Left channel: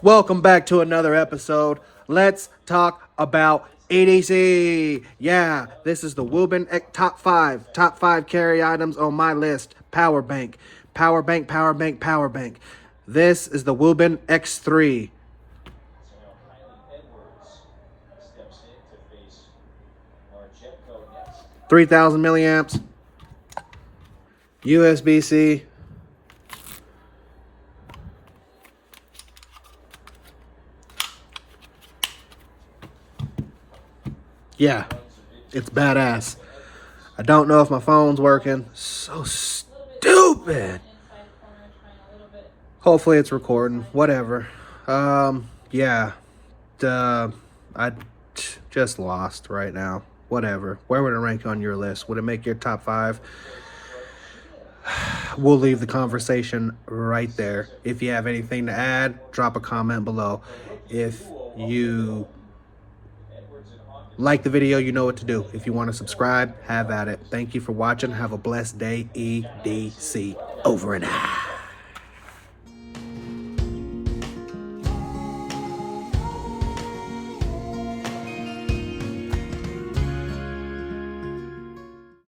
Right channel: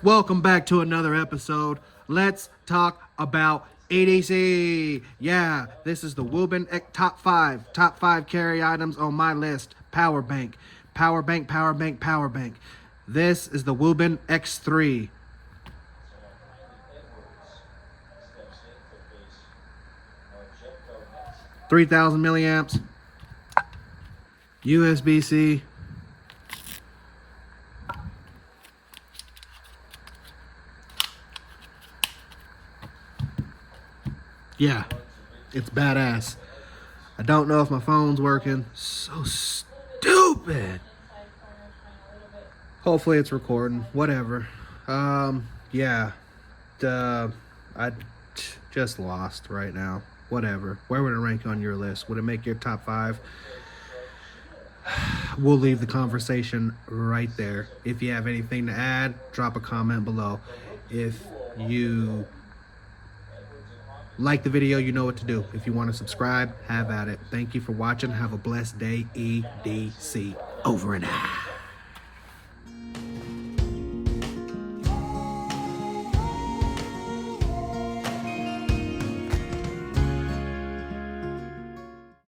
Welcome back to another episode. Let's talk about EDC. Yeah, this is the Wuben top five carry items on my list. Power bank, power bank, power bank, power bank. This is the Wuben X3. 3,000 milliamps, USB-C. Yeah, it's badass. I don't know if my phone's working. So stupid. Hopefully it's recording. Whatever. Yeah. I just lost right now. Whatever. Where would it rank on your list? Would it make your top 5? We'll leave the conversation right there. If you have anything to add, drop a comment below. If you like the video, you know what to do. If you want to subscribe, have at it. Thank you for watching. Have a blessed day. EDC. Over and out.